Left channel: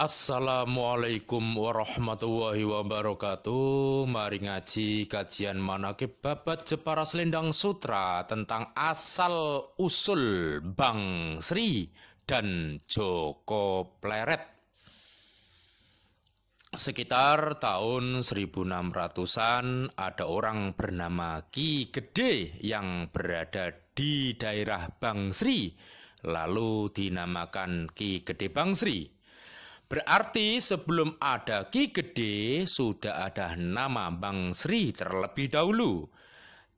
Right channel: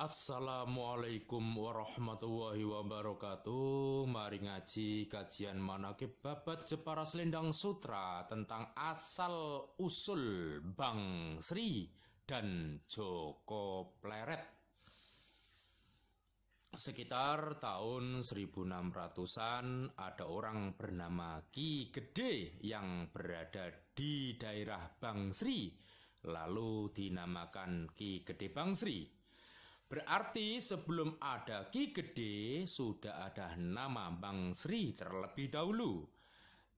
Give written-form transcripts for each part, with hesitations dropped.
Assalamualaikum warahmatullahi wabarakatuh. Mari ngaji kajian manaqib babat Jepara Selendang Sutra tentang asal usul Bang Sri dan Joko Pleret. Sekitar tahun 1600-an ada orang bernama Ki Gede yang berada di daerah Bang Sri, lalu dinamakan Ki Gede Bang Sri. Berarti sebelum ada Ki Gede sudah ada nama Bang Sri terlebih dahulu.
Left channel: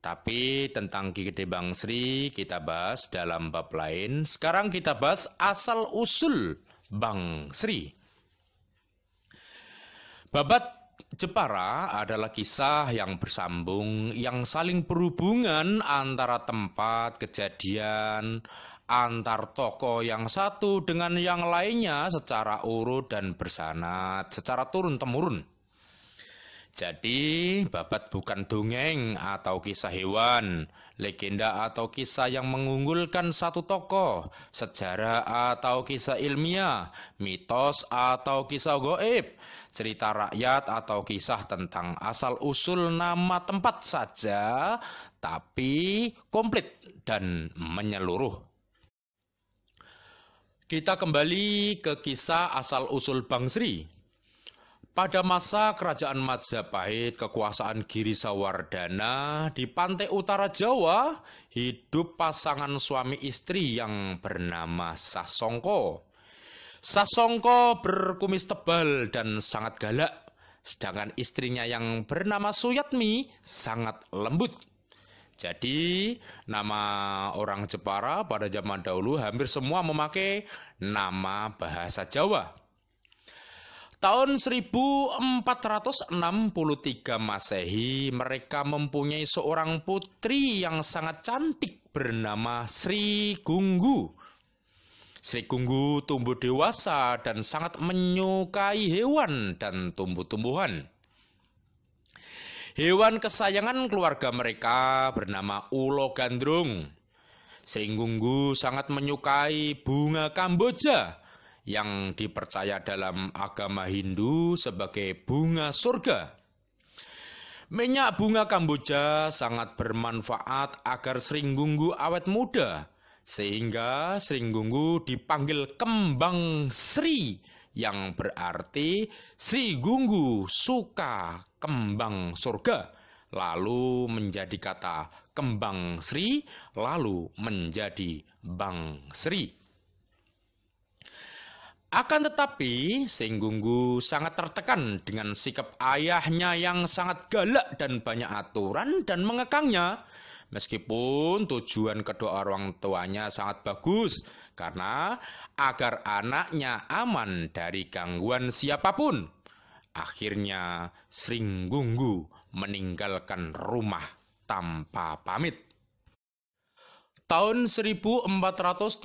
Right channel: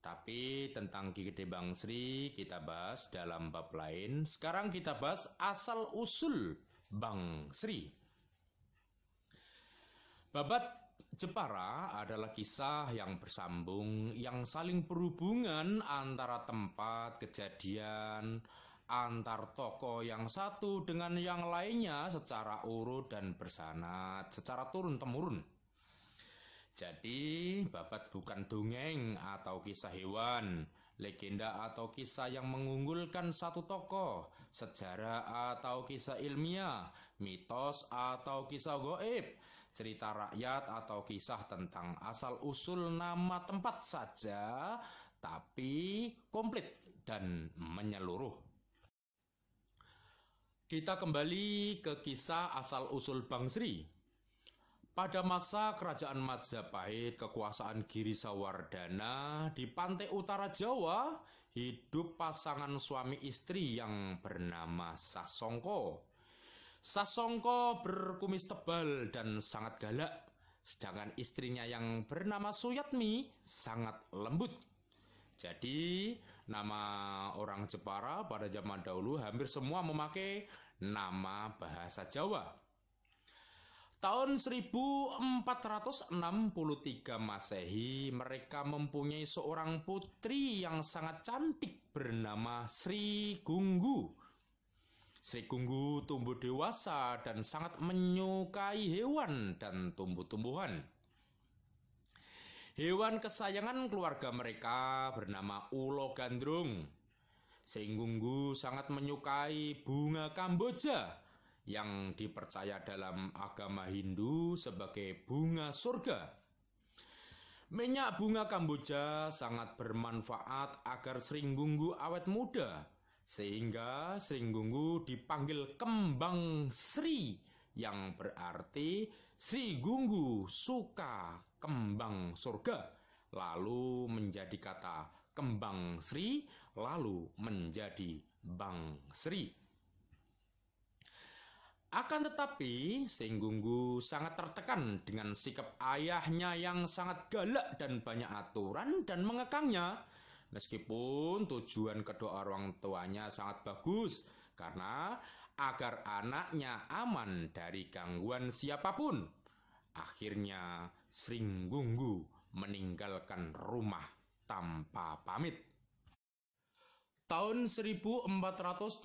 Tapi tentang Ki Gede Bang Sri kita bahas dalam bab lain. Sekarang kita bahas asal usul Bang Sri. Babat Jepara adalah kisah yang bersambung, yang saling berhubungan antara tempat kejadian, antar tokoh yang satu dengan yang lainnya secara urut dan bersanad, secara turun-temurun. Jadi, babat bukan dongeng atau kisah hewan, legenda atau kisah yang mengunggulkan satu tokoh, sejarah atau kisah ilmiah, mitos atau kisah goib, cerita rakyat atau kisah tentang asal-usul nama tempat saja, tapi komplit dan menyeluruh. Kita kembali ke kisah asal-usul Bang Sri. Pada masa kerajaan Majapahit, kekuasaan Girisawardhana di pantai utara Jawa, hidup pasangan suami istri yang bernama Sasongko. Sasongko berkumis tebal dan sangat galak, sedangkan istrinya yang bernama Suyatmi sangat lembut. Jadi, nama orang Jepara pada zaman dahulu hampir semua memakai nama bahasa Jawa. Tahun 1463 Masehi, mereka mempunyai seorang putri yang sangat cantik bernama Sri Gunggu. Sri Gunggu tumbuh dewasa dan sangat menyukai hewan dan tumbuh-tumbuhan. Hewan kesayangan keluarga mereka bernama Ulo Gandrung. Sri Gunggu sangat menyukai bunga Kamboja yang dipercaya dalam agama Hindu sebagai bunga surga. Minyak bunga Kamboja sangat bermanfaat agar Sri Gunggu awet muda, sehingga Sri Gunggu dipanggil Kembang Sri, yang berarti Sri Gunggu suka kembang surga, lalu menjadi kata Kembang Sri, lalu menjadi Bang Sri. Akan tetapi, Sri Gunggu sangat tertekan dengan sikap ayahnya yang sangat galak dan banyak aturan dan mengekangnya. Meskipun tujuan kedua orang tuanya sangat bagus, karena agar anaknya aman dari gangguan siapapun. Akhirnya Sri Gunggu meninggalkan rumah tanpa pamit. Tahun 1478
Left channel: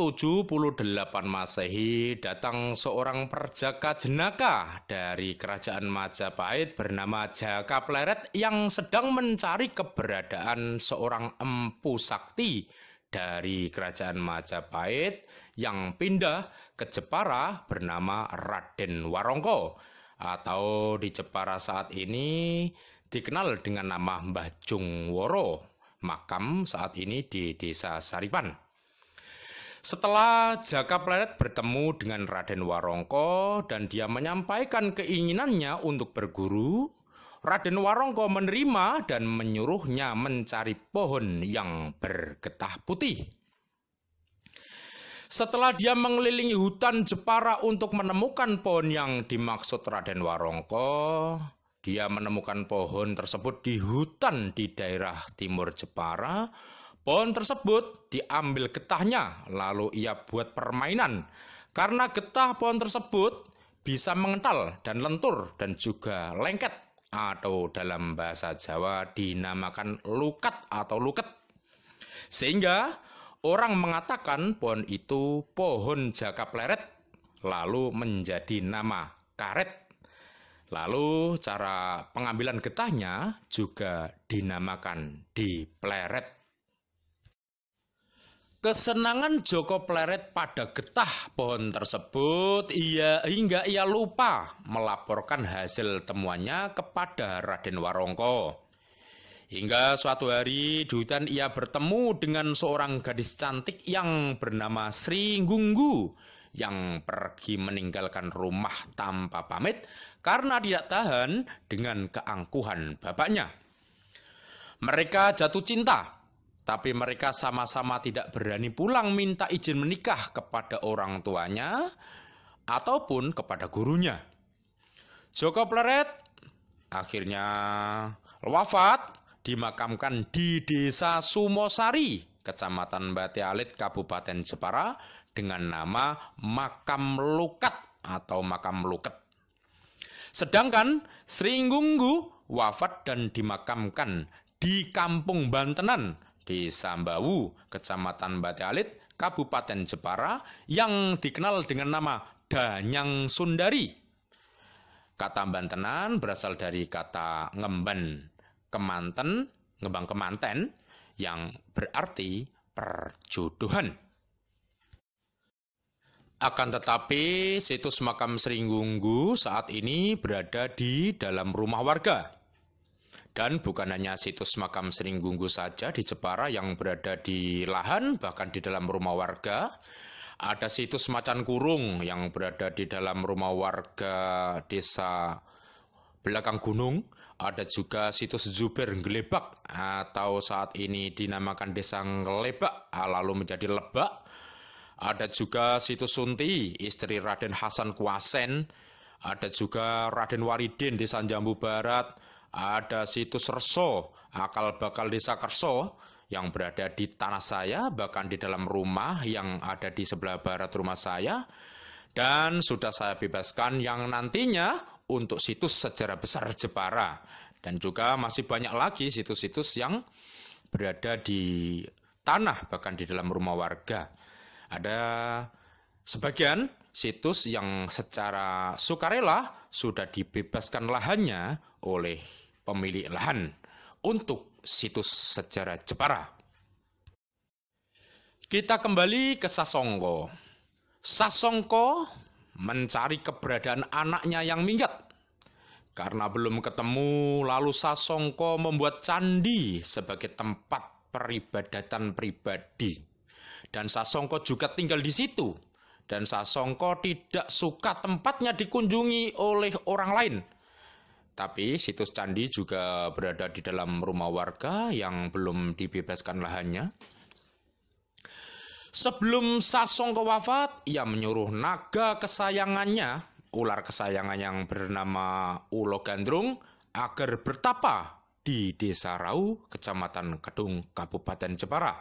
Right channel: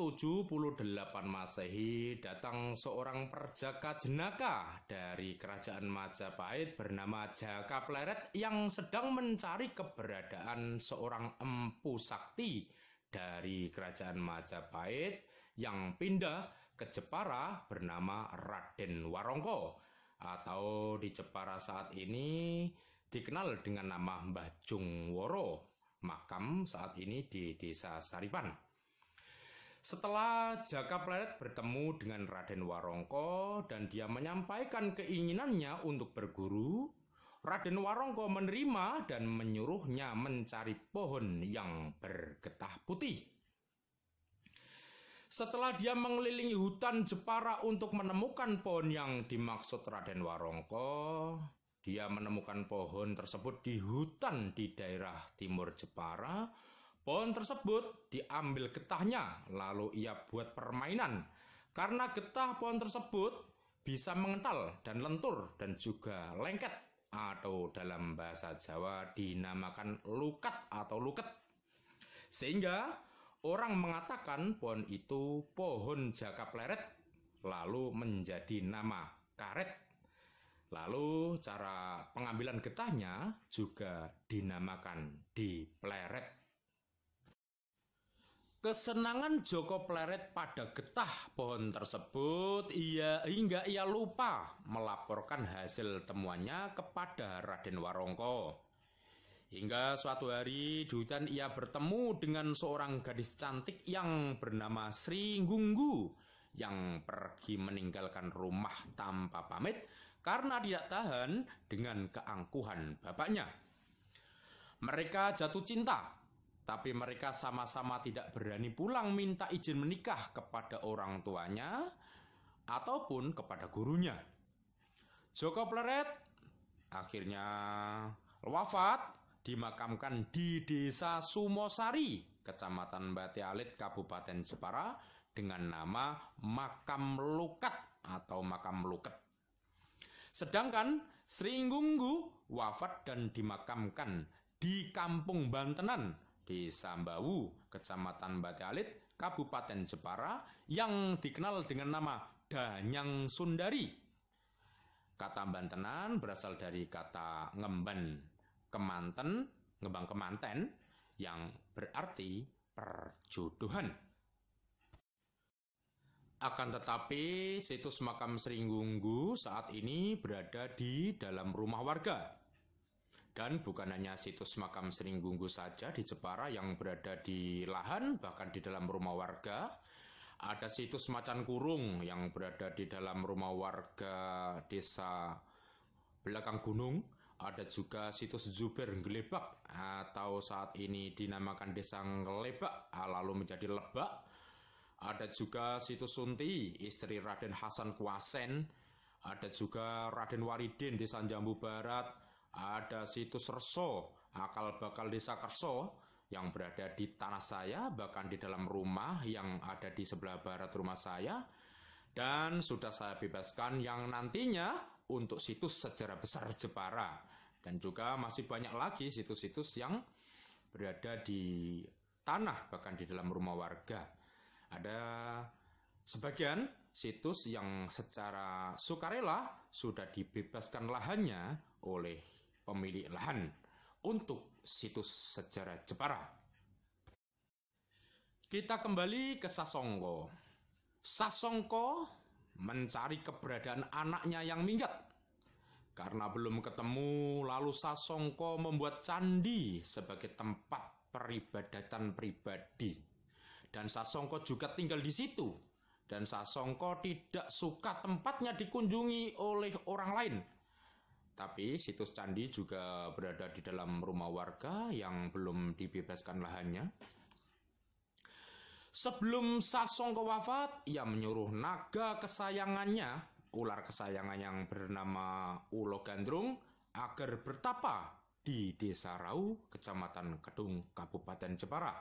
Masehi datang seorang perjaka jenaka dari kerajaan Majapahit bernama Jaka Pleret yang sedang mencari keberadaan seorang empu sakti dari kerajaan Majapahit yang pindah ke Jepara bernama Raden Warongko, atau di Jepara saat ini dikenal dengan nama Mbah Jungworo. Makam saat ini di Desa Saripan. Setelah Jaka Pleret bertemu dengan Raden Warongko dan dia menyampaikan keinginannya untuk berguru, Raden Warongko menerima dan menyuruhnya mencari pohon yang bergetah putih. Setelah dia mengelilingi hutan Jepara untuk menemukan pohon yang dimaksud Raden Warongko, dia menemukan pohon tersebut di hutan di daerah timur Jepara. Pohon tersebut diambil getahnya, lalu ia buat permainan. Karena getah pohon tersebut bisa mengental dan lentur dan juga lengket, atau dalam bahasa Jawa dinamakan lukat atau luket. Sehingga orang mengatakan pohon itu pohon Jaka Pleret, lalu menjadi nama karet. Lalu cara pengambilan getahnya juga dinamakan dipleret. Kesenangan Joko Pleret pada getah pohon tersebut hingga ia lupa melaporkan hasil temuannya kepada Raden Warongko. Hingga suatu hari di hutan ia bertemu dengan seorang gadis cantik yang bernama Sri Gunggu yang pergi meninggalkan rumah tanpa pamit karena tidak tahan dengan keangkuhan bapaknya. Mereka jatuh cinta, tapi mereka sama-sama tidak berani pulang minta izin menikah kepada orang tuanya ataupun kepada gurunya. Joko Pleret akhirnya wafat, dimakamkan di Desa Sumosari, Kecamatan Bate Alit, Kabupaten Jepara dengan nama Makam Lukat atau Makam Luket. Sedangkan Sri Gunggu wafat dan dimakamkan di Kampung Bantenan, Desa Mbawu, Kecamatan Bate Alit, Kabupaten Jepara yang dikenal dengan nama Danyang Sundari. Kata Bantenan berasal dari kata ngemban ngembang kemanten yang berarti perjodohan. Akan tetapi situs makam Sri Gunggu saat ini berada di dalam rumah warga. Dan bukan hanya situs makam Sri Gunggu saja di Jepara yang berada di lahan, bahkan di dalam rumah warga. Ada situs Macan Kurung yang berada di dalam rumah warga desa belakang gunung. Ada juga situs Zuber Ngelebak atau saat ini dinamakan Desa Ngelebak lalu menjadi Lebak. Ada juga situs Sunti, istri Raden Hasan Kuasen. Ada juga Raden Waridin, Desa Jambu Barat. Ada situs Reso, akal bakal Desa Kerso yang berada di tanah saya, bahkan di dalam rumah yang ada di sebelah barat rumah saya. Dan sudah saya bebaskan yang nantinya untuk situs sejarah besar Jepara. Dan juga masih banyak lagi situs-situs yang berada di tanah, bahkan di dalam rumah warga. Ada sebagian situs yang secara sukarela sudah dibebaskan lahannya oleh pemilik lahan untuk situs sejarah Jepara. Kita kembali ke Sasongko. Sasongko mencari keberadaan anaknya yang minggat. Karena belum ketemu, lalu Sasongko membuat candi sebagai tempat peribadatan pribadi. Dan Sasongko juga tinggal di situ. Dan Sasongko tidak suka tempatnya dikunjungi oleh orang lain. Tapi situs candi juga berada di dalam rumah warga yang belum dibebaskan lahannya. Sebelum Sasongko wafat, ia menyuruh naga kesayangannya, ular kesayangan yang bernama Ulo Gandrung, agar bertapa di Desa Rau, Kecamatan Kedung, Kabupaten Jepara.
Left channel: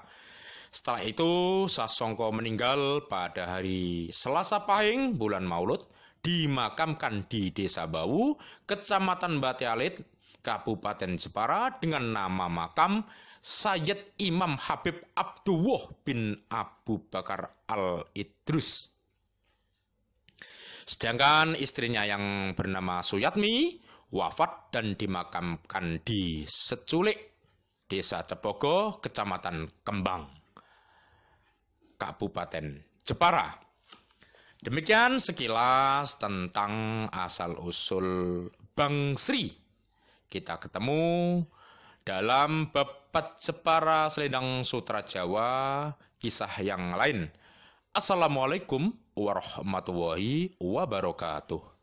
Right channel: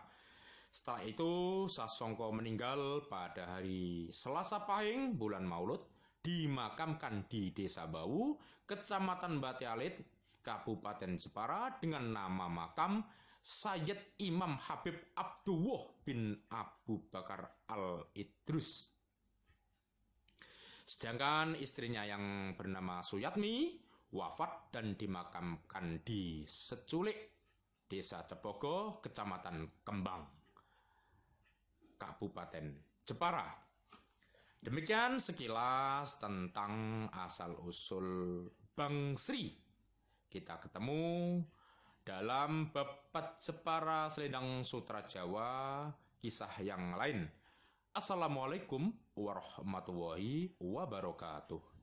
Setelah itu, Sasongko meninggal pada hari Selasa Pahing, bulan Maulud, dimakamkan di Desa Bawu, Kecamatan Bate Alit, Kabupaten Jepara dengan nama makam Sayyid Imam Habib Abdullah bin Abu Bakar Al-Idrus. Sedangkan istrinya yang bernama Suyatmi wafat dan dimakamkan di Seculik, Desa Cepogo, Kecamatan Kembang, Kabupaten Jepara. Demikian sekilas tentang asal-usul Bang Sri. Kita ketemu dalam Babat Jepara Selendang Sutra Jawa, kisah yang lain. Assalamualaikum warahmatullahi wabarakatuh.